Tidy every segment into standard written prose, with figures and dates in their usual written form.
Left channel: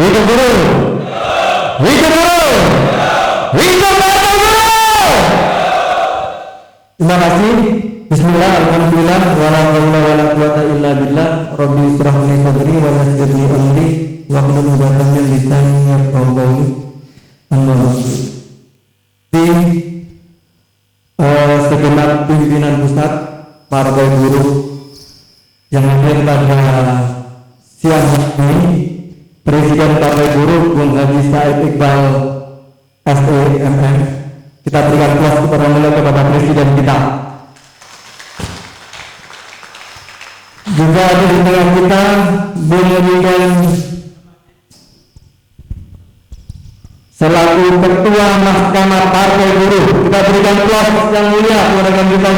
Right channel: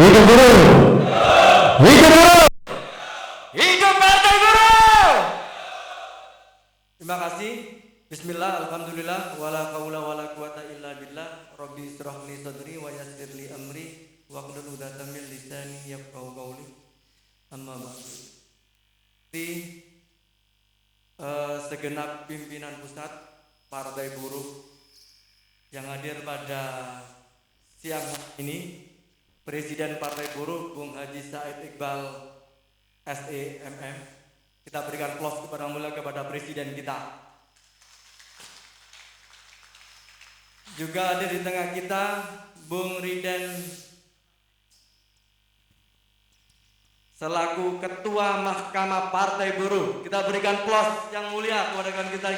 Hidup guru. Hidup guru. Hidup Partai Buruh. Terima kasih. Bismillah, alhamdulillah, wala haula wala quwata illa billah. Rabbi israh li sadri wa yassir li amri wahlul 'uqdatam min lisani yafqahu qawli. Amma ba'du. Di segenap pimpinan pusat Partai Buruh yang hadir pada siang hari ini, Presiden Partai Buruh Bung Haji Said Iqbal SEMM, kita berikan kelas kepada kepada Presiden kita. Juga ada di tengah kita Bung Miguel selaku Ketua Mahkamah Partai Buruh. Kita berikan kelas yang mulia kepada kita.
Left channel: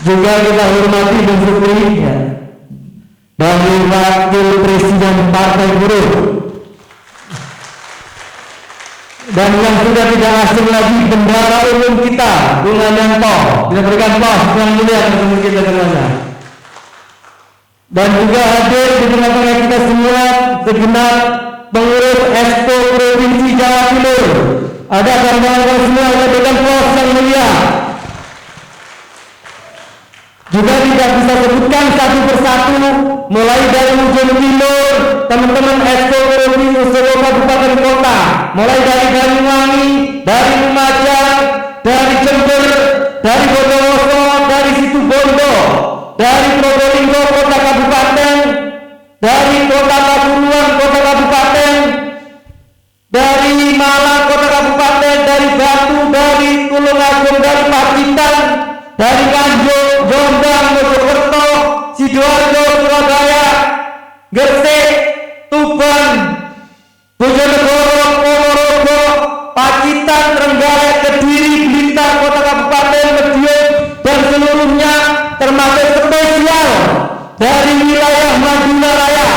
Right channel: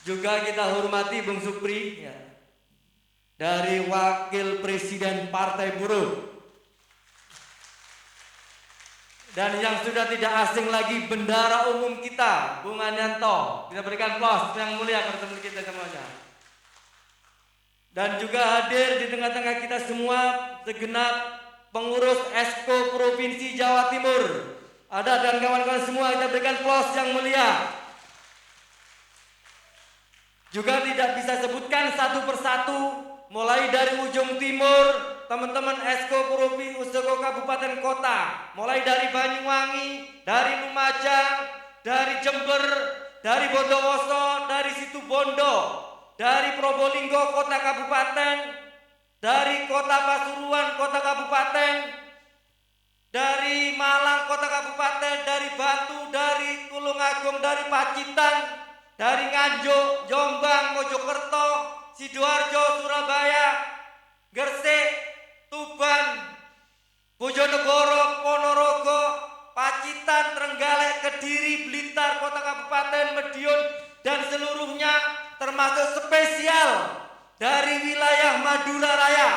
Juga kita hormati Bung Supri ya, dari Wakil Presiden Partai Buruh, dan yang sudah tidak asing lagi bendara umum kita Bung Anyanto. Kita berikan kelas yang mulia kepada kita semuanya. Dan juga hadir di tengah-tengah kita semua segenap pengurus Expo Provinsi Jawa Timur. Ada kawan-kawan semua yang berikan kelas yang mulia. Juga tidak bisa sebutkan satu persatu, mulai dari ujung timur, teman-teman Expo Provinsi seluruh kabupaten kota, mulai dari Banyuwangi, dari Lumajang, dari Jember, dari Bondowoso, dari Situbondo, dari Probolinggo kota kabupaten, dari kota Pasuruan kota kabupaten, dari Malang kota kabupaten, dari Batu, dari Tulungagung, dari Pacitan, dari Nganjuk, Jombang, Mojokerto, Sidoarjo, Surabaya, Gresik, Tuban, Bojonegoro, Ponorogo, Pacitan, Trenggalek, Kediri, Blitar, kota kabupaten, Madiun, dan seluruhnya, termasuk spesial dari wilayah Madura Raya.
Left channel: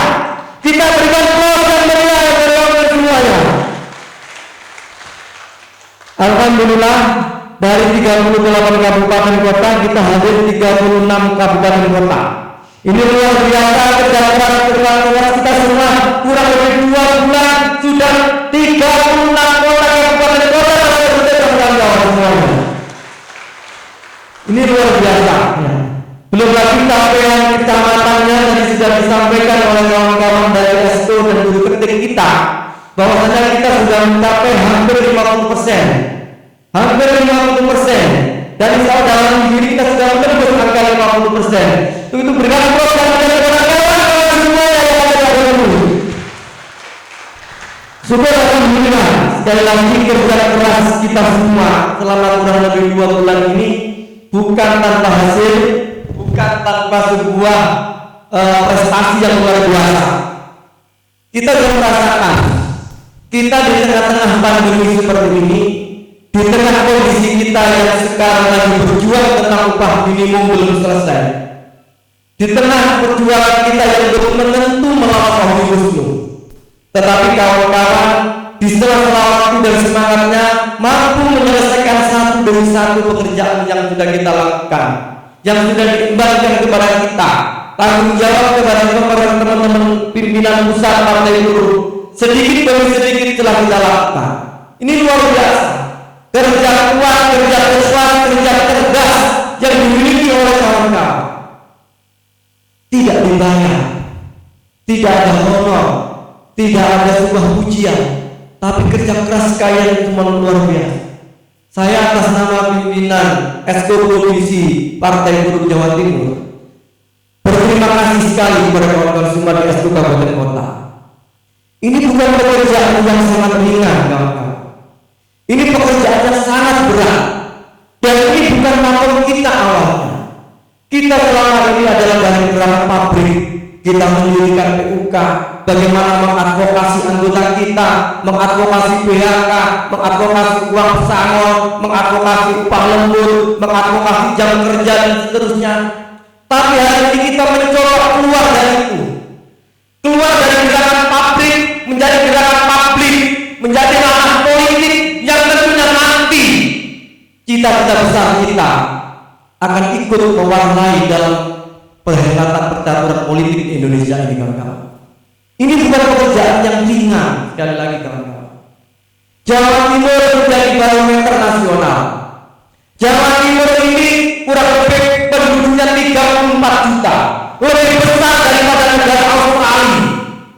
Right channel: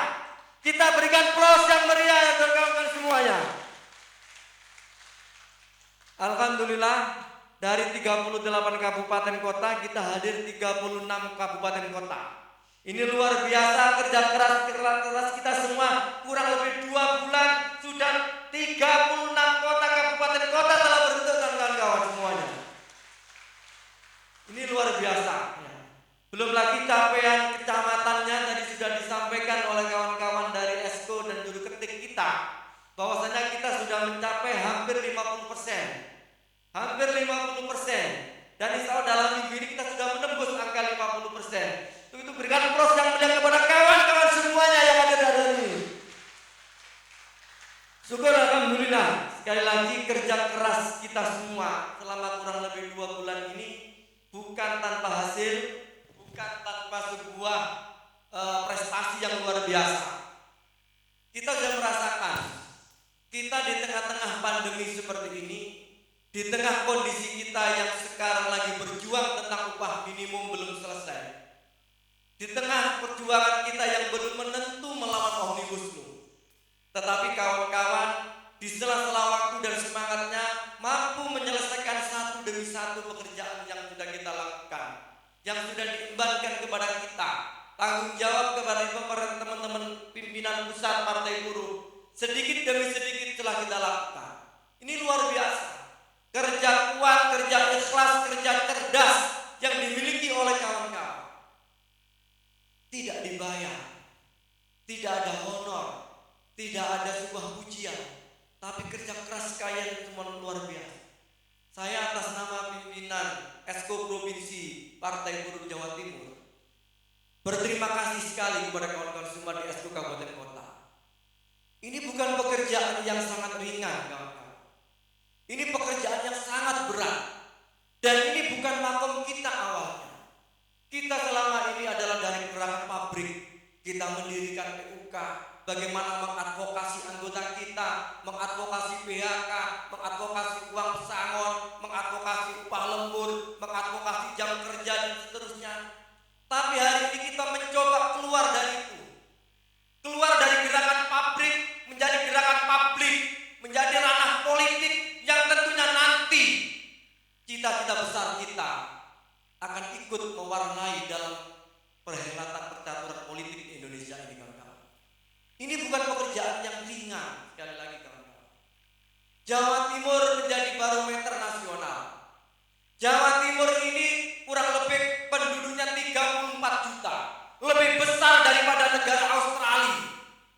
Kita berikan aplaus dan meriah kepada semuanya. Alhamdulillah, dari 38 kabupaten kota kita hadir 36 kabupaten kota. Ini luar biasa kerja keras kita semua. Kurang lebih 2 bulan sudah 36 kota kabupaten kota semuanya. Ini luar biasa ya. Belum lagi capaian kecamatannya tadi sudah disampaikan oleh kawan-kawan dari Exco dan guru ketik kita, bahwasanya kita sudah mencapai hampir 50%. Hampir 50%. Dan insya Allah dalam diri kita sudah menembus angka 50%. Itu berikan program dari kawan-kawan semua yang ada di sini. Syukur alhamdulillah, sekali lagi kerja keras kita semua selama kurang lebih 2 bulan ini bukan tanpa hasil, bukan tanpa sebuah prestasi yang luar biasa. Kita sudah merasakan, kita di tengah-tengah pandemi seperti ini, di tengah kondisi kita yang sekarang lagi berjuang tentang upah minimum belum selesai, di tengah perjuangan kita yang belum menentu melawan Omnibus Law, tetapi kawan-kawan di sela-sela waktu dan semangatnya mampu menyelesaikan satu demi satu pekerjaan yang sudah kita lakukan, yang sudah diembankan kepada kita, tanggung jawab kepada teman-teman pimpinan pusat Partai Buruh, sedikit demi sedikit telah kita lakukan. Ini luar biasa. Kerja kuat, kerja keras, kerja cerdas yang dimiliki oleh kawan-kawan. Tidak dibayar, tidak ada honor, tidak ada sebuah pujian, tapi kerja keras kalian cuma luar biasa. Saya atas nama pimpinan Exco Provinsi Partai Buruh Jawa Timur berterima kasih sekali kepada kawan-kawan semua di Exco Kabupaten Kota. Ini bukan pekerjaan yang sangat ringan, kawan-kawan. Ini pekerjaan yang sangat berat, dan ini bukan makom kita awalnya. Kita selama ini adalah dari gerakan pabrik, kita mendirikan PUK, bagaimana mengadvokasi anggota kita, mengadvokasi PHK, mengadvokasi uang pesangon, mengadvokasi upah lembur, mengadvokasi jam kerja dan seterusnya. Tapi hari ini kita mencoba keluar dari itu, keluar dari gerakan pabrik menjadi gerakan publik, menjadi ranah politik yang tentunya nanti cita-cita besar kita akan ikut mewarnai dalam perhelatan percaturan politik Indonesia ini, kawan-kawan. Ini bukan pekerjaan yang ringan. Sekali lagi kawan-kawan, Jawa Timur menjadi barometer nasional. Jawa Timur ini kurang lebih penduduknya 34 juta, lebih besar daripada negara Australia.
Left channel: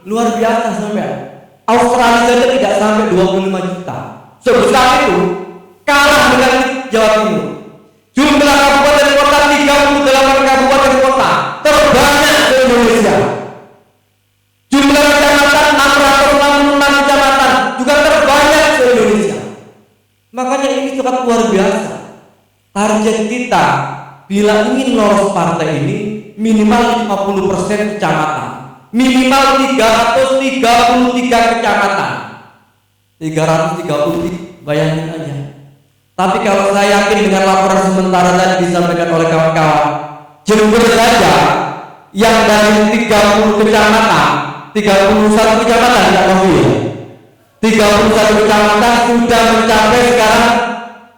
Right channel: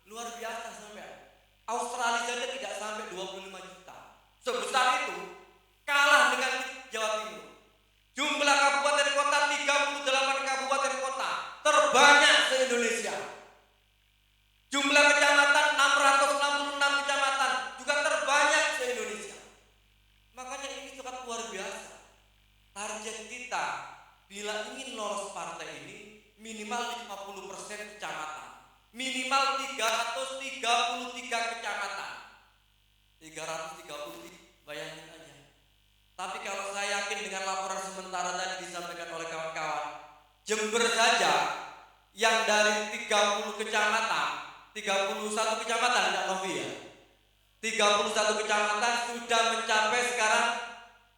Luar biasa sampai. Australia saja tidak sampai 25 juta. Sebesar itu, kalah dengan Jawa Timur. Jumlah kabupaten kota 38 kabupaten kota, terbanyak di Indonesia. Jumlah kecamatan 666 kecamatan, juga terbanyak di Indonesia. Makanya ini sangat luar biasa. Target kita bila ingin lolos partai ini minimal 50% kecamatan, minimal 333 kecamatan. 330, bayangin aja. Tapi kalau saya yakin dengan laporan sementara tadi disampaikan oleh kawan-kawan, Jember saja yang dari 30 kecamatan, 31 kecamatan tidak tahu ya, 31 kecamatan sudah mencapai sekarang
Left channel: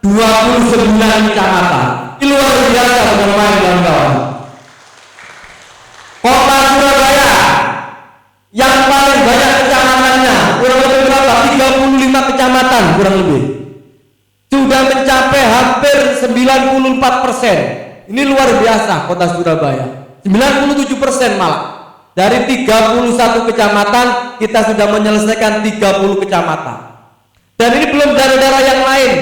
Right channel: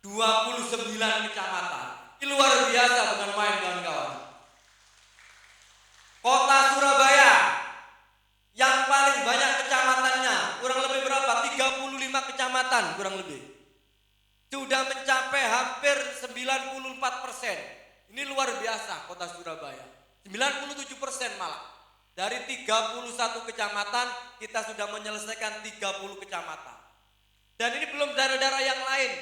29 kecamatan. Ini luar biasa bukan main kawan-kawan. Kota Surabaya yang paling banyak kecamatannya kurang lebih berapa? 35 kecamatan kurang lebih. Sudah mencapai hampir 94%. Ini luar biasa kota Surabaya. 97% malah. Dari 31 kecamatan kita sudah menyelesaikan 30 kecamatan. Dan ini belum daerah-daerah yang lain.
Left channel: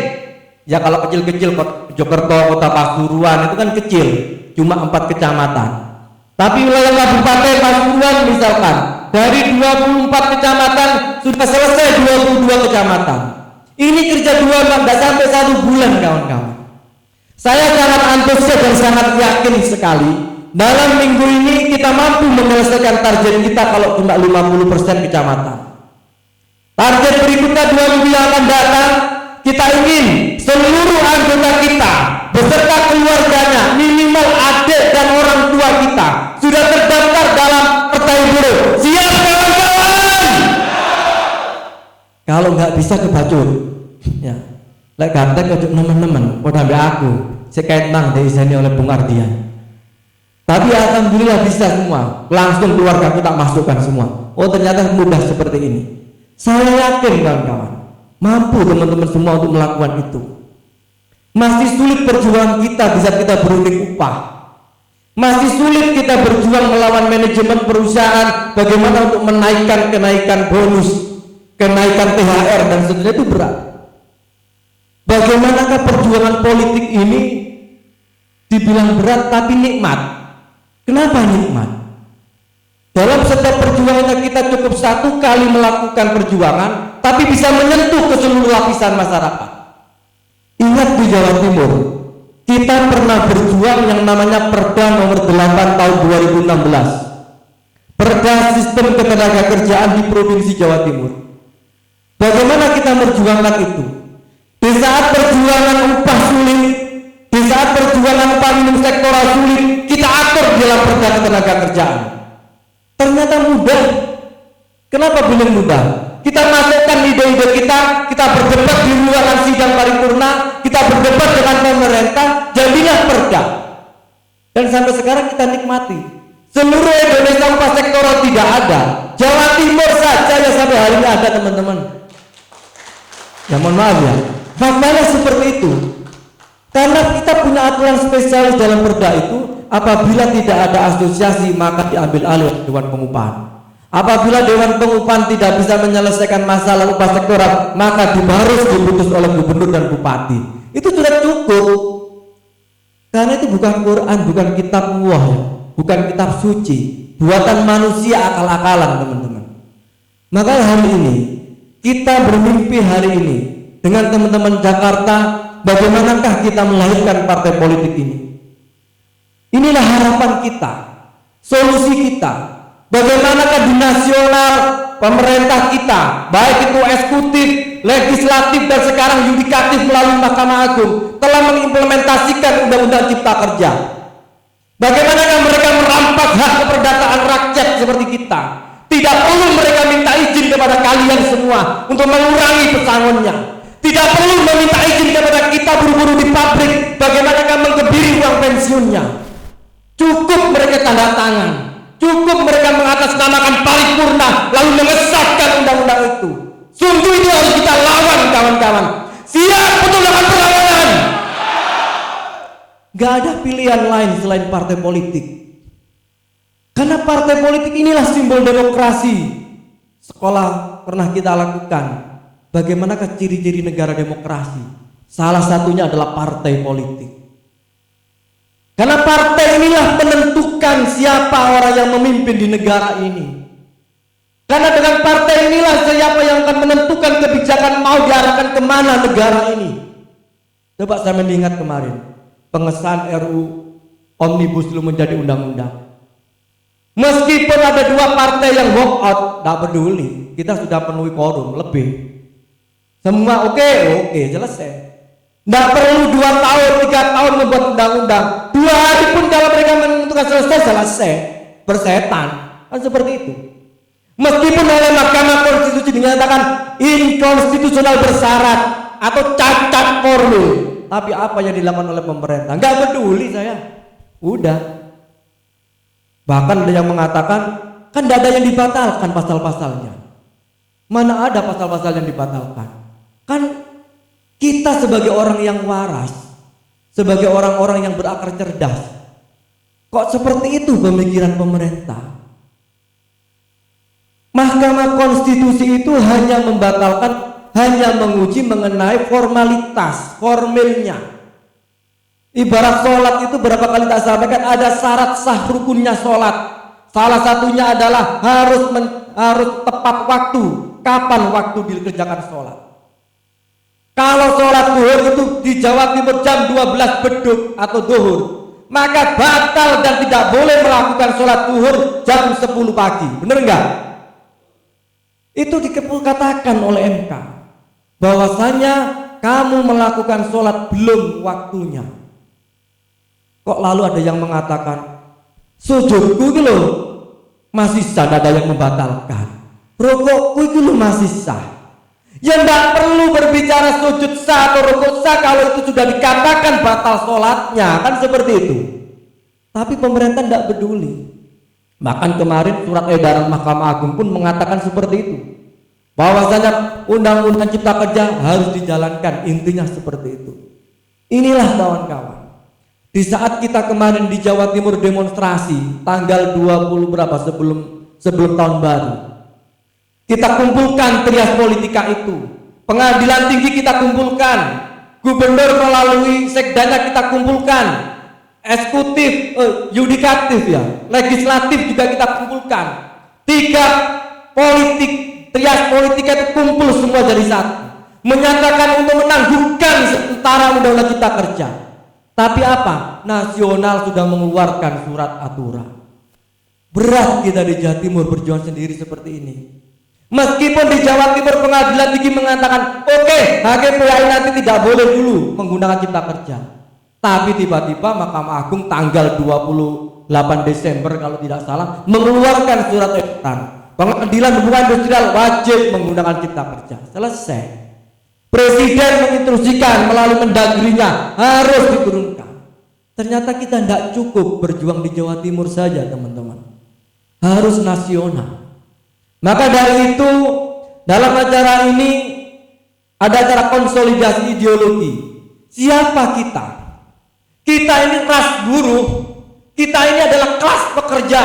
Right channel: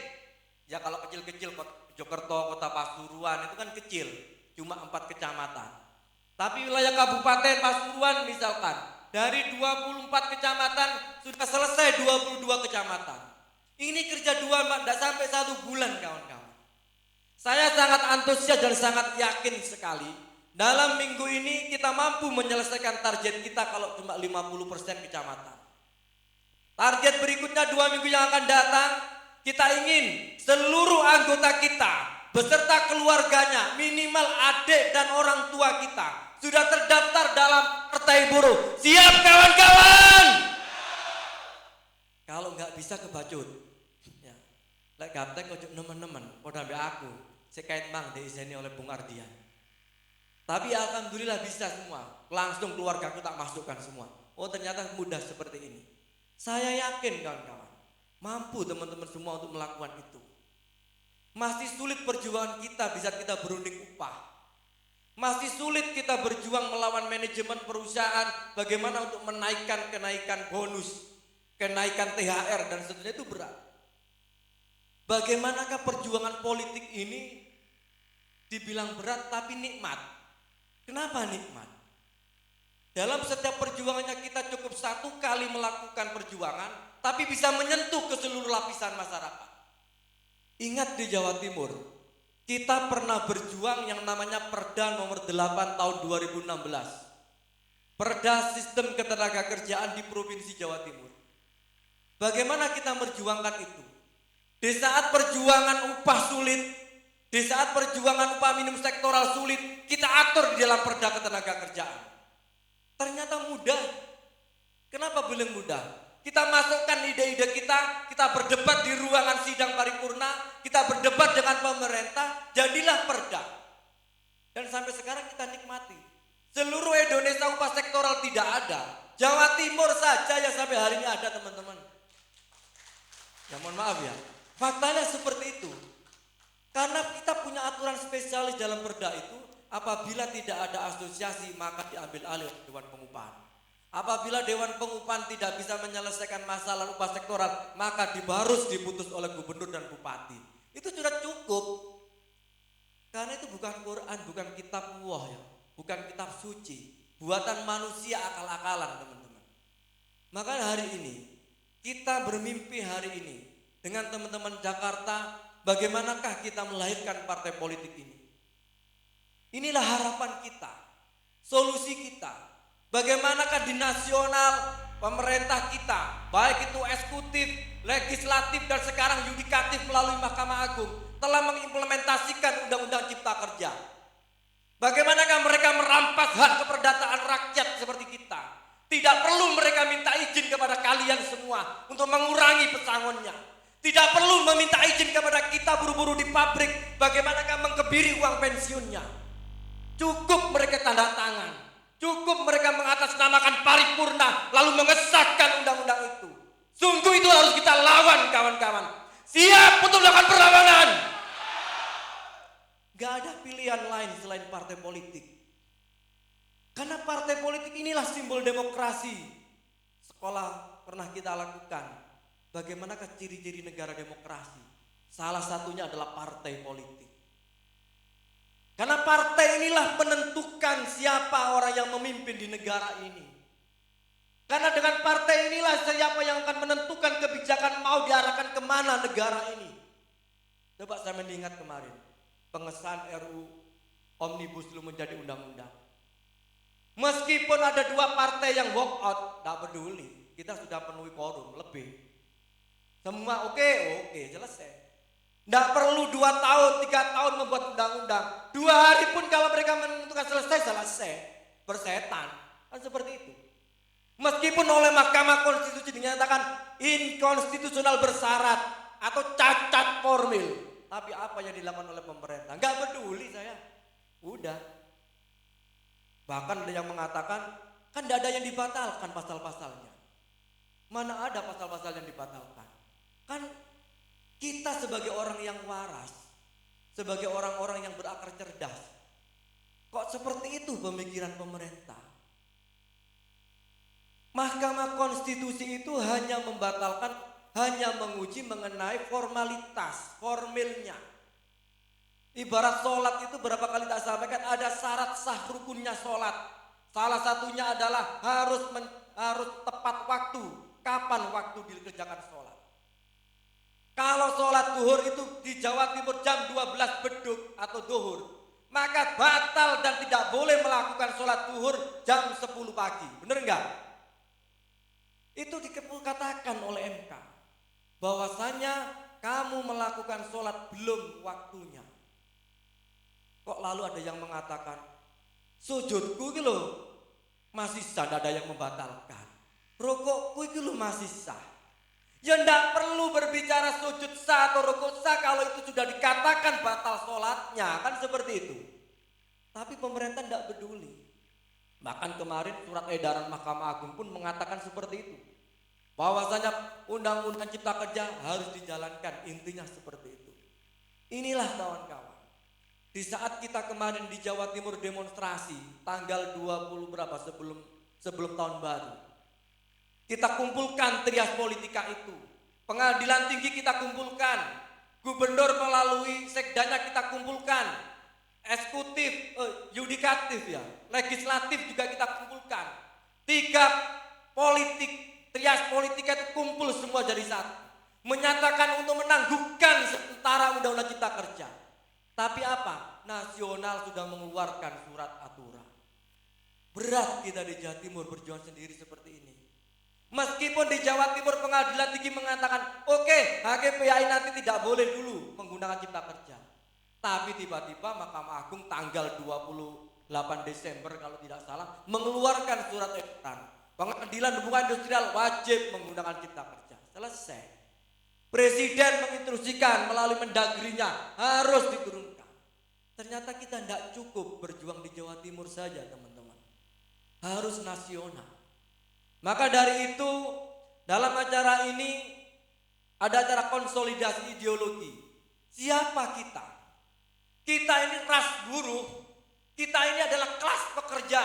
Ya kalau kecil-kecil Jokerto, Kota Pasuruan itu kan kecil, cuma 4 kecamatan. Tapi wilayah Kabupaten Pasuruan misalkan dari 24 kecamatan sudah selesai 22 kecamatan. Ini kerja 2 bulan, tidak sampai 1 bulan kawan-kawan. Saya sangat antusias dan sangat yakin sekali dalam minggu ini kita mampu menyelesaikan target kita kalau cuma 50% kecamatan. Target berikutnya 2 minggu yang akan datang, kita ingin seluruh anggota kita beserta keluarganya, minimal adik dan orang tua kita sudah terdaftar dalam partai buruh. Siap kawan-kawan? Kalau nggak bisa kebacut, ya, lek ganteng kejuk teman-teman, pada aku, sekait mang diiseni oleh Bung Ardian. Tapi alhamdulillah bisa semua, langsung keluarga aku tak masukkan semua. Oh ternyata mudah seperti ini. Saya yakin kawan-kawan, mampu teman-teman semua untuk melakukan itu. Masih sulit perjuangan kita bisa kita berunding upah. Masih sulit kita berjuang melawan manajemen perusahaan bagaimana untuk menaikkan kenaikan bonus, kenaikan THR dan seterusnya itu berat. Bagaimanakah perjuangan politik ini dibilang berat tapi nikmat? Kenapa nikmat? Dalam setiap perjuangannya kita cukup 1 kali melakukan perjuangan tapi bisa menyentuh ke seluruh lapisan masyarakat. Ingat di Jawa Timur kita pernah berjuang yang namanya Perda nomor 8 tahun 2016, Perda Sistem Ketenagakerjaan di Provinsi Jawa Timur. Bagaimana kita memperjuangkan itu? Di saat perjuangan upah sulit, di saat perjuangan upah minimum sektoral sulit, kita atur dalam Perda Ketenagakerjaan. Ternyata mudah. Kenapa belum mudah? Kita masukkan ide-ide kita berdebat di ruangan sidang paripurna, kita berdebat dengan pemerintah, jadilah perda. Dan sampai sekarang kita nikmati. Seluruh Indonesia upah sektoral tidak ada. Jawa Timur saja yang sampai hari ini ada teman-teman. Ya mohon maaf ya. Faktanya seperti itu. Karena kita punya aturan spesialis dalam perda itu, apabila tidak ada asosiasi maka diambil alih oleh Dewan Pengupahan. Apabila Dewan Pengupahan tidak bisa menyelesaikan masalah upah sektoral, maka harus diputus oleh gubernur dan bupati. Itu sudah cukup. Karena itu bukan Quran, bukan kitab Allah, bukan kitab suci, buatan manusia akal-akalan teman-teman. Maka hari ini kita bermimpi hari ini dengan teman-teman Jakarta, bagaimanakah kita melahirkan partai politik ini? Inilah harapan kita, solusi kita. Bagaimanakah di nasional pemerintah kita, baik itu eksekutif, legislatif dan sekarang yudikatif melalui Mahkamah Agung telah mengimplementasikan Undang-Undang Cipta Kerja. Bagaimanakah mereka merampas hak keperdataan rakyat seperti kita? Tidak perlu mereka minta izin kepada kalian semua untuk mengurangi pesangonnya. Tidak perlu meminta izin kepada kita buru-buru di pabrik, bagaimanakah mengkebiri uang pensiunnya. Cukup mereka tanda tangan. Cukup mereka mengatasnamakan paripurna lalu mengesahkan undang-undang itu. Sungguh itu harus kita lawan, kawan-kawan. Siap untuk melakukan perlawanan. Gak ada pilihan lain selain partai politik. Karena partai politik inilah simbol demokrasi. Sekolah pernah kita lakukan. Bagaimanakah ciri-ciri negara demokrasi? Salah satunya adalah partai politik. Karena partai inilah menentukan siapa orang yang memimpin di negara ini. Karena dengan partai inilah siapa yang akan menentukan kebijakan mau diarahkan kemana negara ini. Coba saya mengingat kemarin pengesahan RUU Omnibus Law menjadi undang-undang. Meskipun ada dua partai yang walk out, tak peduli, kita sudah penuhi quorum lebih. Semua oke, selesai. Tidak perlu 2 tahun, 3 tahun membuat undang-undang. 2 hari pun kalau mereka menentukan selesai. Bersetan, kan seperti itu. Meskipun oleh Mahkamah Konstitusi dinyatakan inkonstitusional bersyarat atau cacat formil, tapi apa yang dilakukan oleh pemerintah? Nggak peduli saya. Udah. Bahkan ada yang mengatakan kan tidak ada yang dibatalkan pasal-pasalnya. Mana ada pasal-pasal yang dibatalkan? Kan kita sebagai orang yang waras, sebagai orang-orang yang berakal cerdas, kok seperti itu pemikiran pemerintah? Mahkamah Konstitusi itu hanya membatalkan, hanya menguji mengenai formalitas, formilnya. Ibarat sholat itu berapa kali tak sampaikan ada syarat sah rukunnya sholat. Salah satunya adalah harus tepat waktu. Kapan waktu dikerjakan sholat? Kalau sholat zuhur itu di Jawa Timur jam 12 beduk atau zuhur, maka batal dan tidak boleh melakukan sholat zuhur jam 10 pagi. Benar enggak? Itu dikatakan oleh MK bahwasanya kamu melakukan sholat belum waktunya. Kok lalu ada yang mengatakan sujudku itu loh masih sah, ada yang membatalkan. Rukukku itu loh masih sah. Ya tidak perlu berbicara sujud sah atau rukuk sah kalau itu sudah dikatakan batal sholatnya, kan seperti itu. Tapi pemerintah tidak peduli. Bahkan kemarin surat edaran Mahkamah Agung pun mengatakan seperti itu, bahwasanya Undang-Undang Cipta Kerja harus dijalankan, intinya seperti itu. Inilah kawan-kawan. Di saat kita kemarin di Jawa Timur demonstrasi tanggal 20 berapa sebelum tahun baru, kita kumpulkan trias politika itu, pengadilan tinggi kita kumpulkan, gubernur melalui sekdanya kita kumpulkan, eksekutif, yudikatif ya, legislatif juga kita kumpulkan. 3 politik, trias politika itu kumpul semua jadi satu, menyatakan untuk menangguhkan sementara Undang-Undang Cipta Kerja. Tapi apa? Nasional sudah mengeluarkan surat aturan. Berat kita di Jawa Timur berjuang sendiri seperti ini. Meskipun di Jawa Timur pengadilan tinggi mengatakan oke, HKPI nanti tidak boleh dulu menggunakan Cipta Kerja. Tapi tiba-tiba Mahkamah Agung tanggal 28 Desember kalau tidak salah mengeluarkan surat edaran. Pengadilan hubungan industrial wajib menggunakan Cipta Kerja. Selesai. Presiden menginstruksikan melalui Mendagrinya harus diturunkan. Ternyata kita tidak cukup berjuang di Jawa Timur saja, teman-teman. Harus nasional. Maka dari itu dalam acara ini ada acara konsolidasi ideologi. Siapa kita? Kita ini ras buruh. Kita ini adalah kelas pekerja.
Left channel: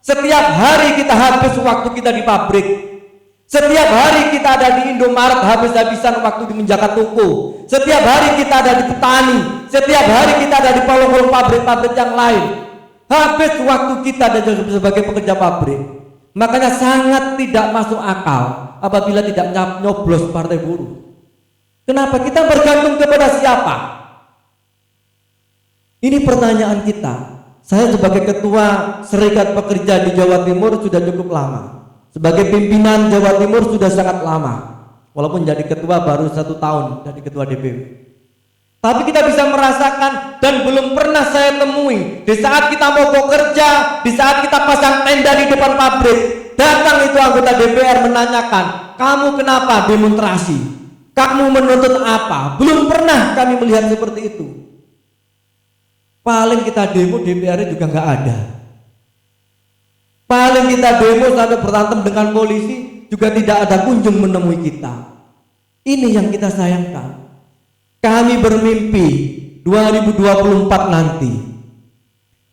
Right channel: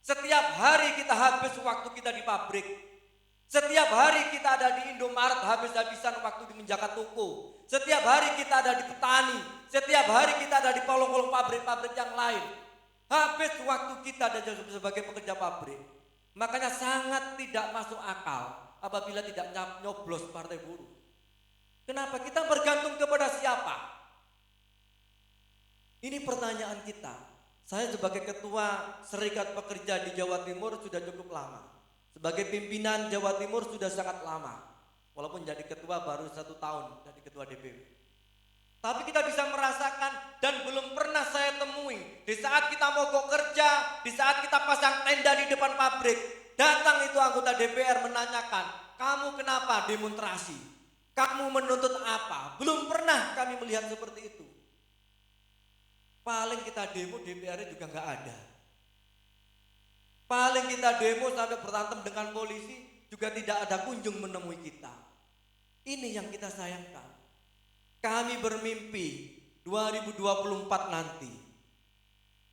Setiap hari kita habis waktu kita di pabrik. Setiap hari kita ada di Indomaret habis-habisan waktu di menjaga toko. Setiap hari kita ada di petani. Setiap hari kita ada di kolong-kolong pabrik-pabrik yang lain. Habis waktu kita ada sebagai pekerja pabrik. Makanya sangat tidak masuk akal apabila tidak nyoblos partai buruh. Kenapa? Kita bergantung kepada siapa? Ini pertanyaan kita. Saya sebagai ketua Serikat Pekerja di Jawa Timur sudah cukup lama. Sebagai pimpinan Jawa Timur sudah sangat lama. Walaupun jadi ketua baru 1 tahun jadi ketua DPW. Tapi kita bisa merasakan dan belum pernah saya temui di saat kita mau bekerja, di saat kita pasang tenda di depan pabrik, datang itu anggota DPR menanyakan, kamu kenapa demonstrasi? Kamu menuntut apa? Belum pernah kami melihat seperti itu. Paling kita demo DPR juga nggak ada. Paling kita demo sampai berantem dengan polisi juga tidak ada kunjung menemui kita. Ini yang kita sayangkan. Kami bermimpi 2024 nanti,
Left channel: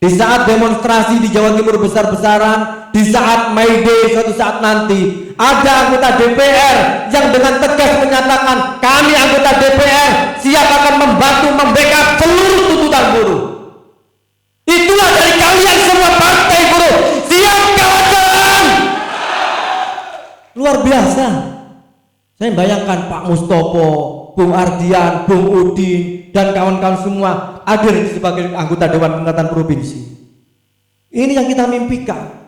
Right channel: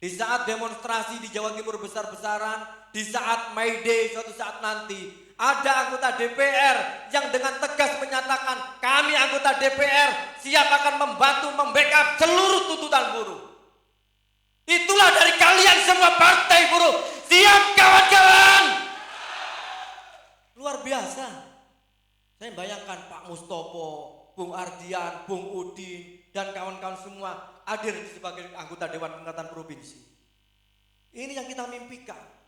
di saat demonstrasi di Jawa Timur besar-besaran, di saat May Day suatu saat nanti, ada anggota DPR yang dengan tegas menyatakan kami anggota DPR siap akan membantu membackup seluruh tuntutan buruh. Itulah dari kalian semua partai buruh. Siap kawan-kawan. Luar biasa. Saya bayangkan Pak Mustopo, Bung Ardian, Bung Udin, dan kawan-kawan semua hadir sebagai anggota Dewan Pengangkatan Provinsi. Ini yang kita mimpikan.